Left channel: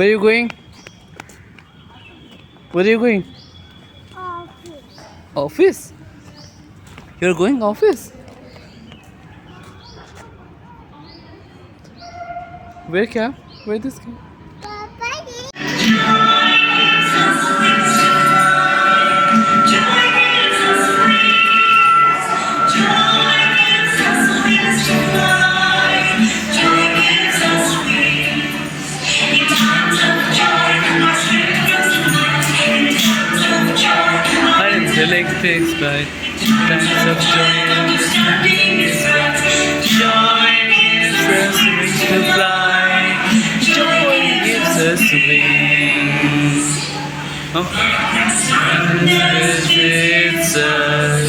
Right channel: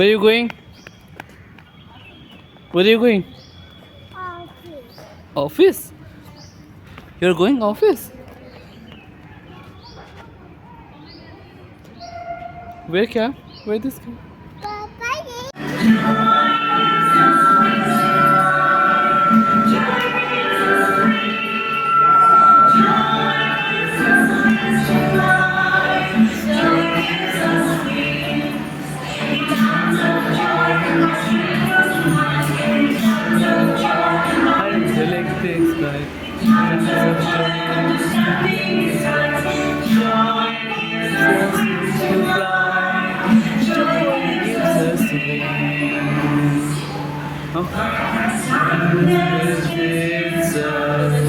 Where are you going? Where are you going? Office? You're going office? Where क्या? Where this क्या? Electrics by times of joy and joy gives us wings to fly. Joy gives us wings. Oh, visits us.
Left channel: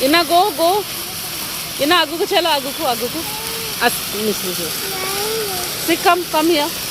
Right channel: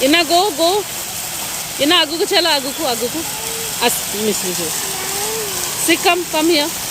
Ina go. Ina agu ko chala agu ko. As miss. See come here.